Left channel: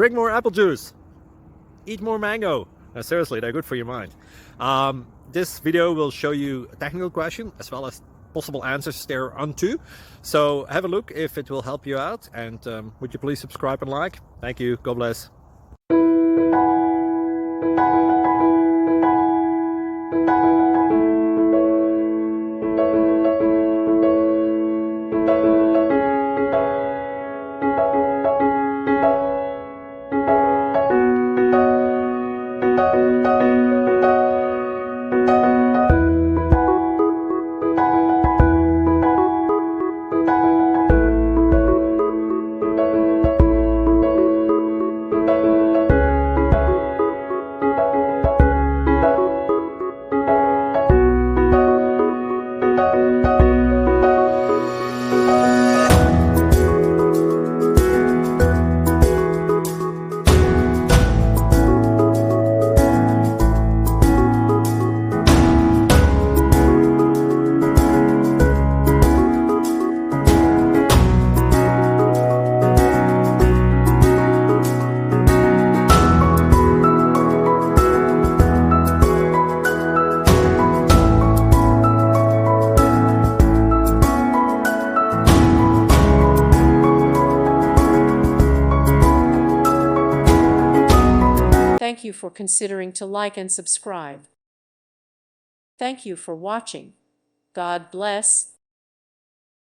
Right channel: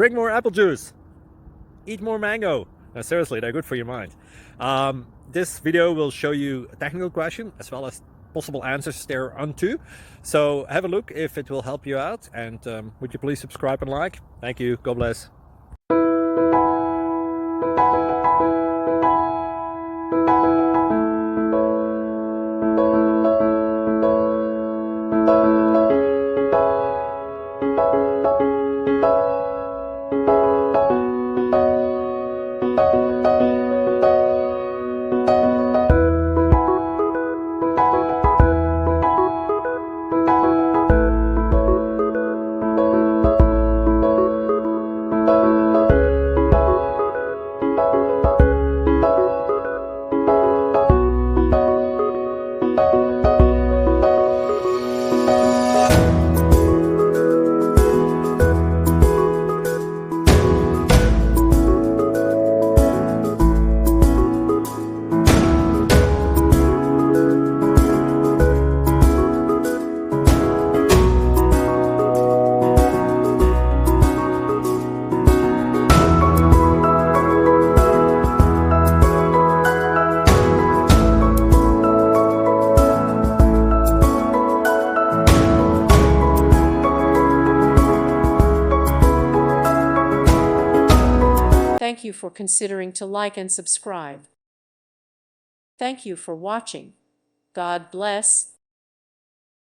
Drink more apple juice. Eat more mango. No, seriously, they're good for your mind. This video will show you a technical question as well as possible answers thereunto. So have a look if it will help you out, and would you please subscribe and like? Thank you. God bless. Thank you for considering to like and subscribe. Thank you for watching. God bless.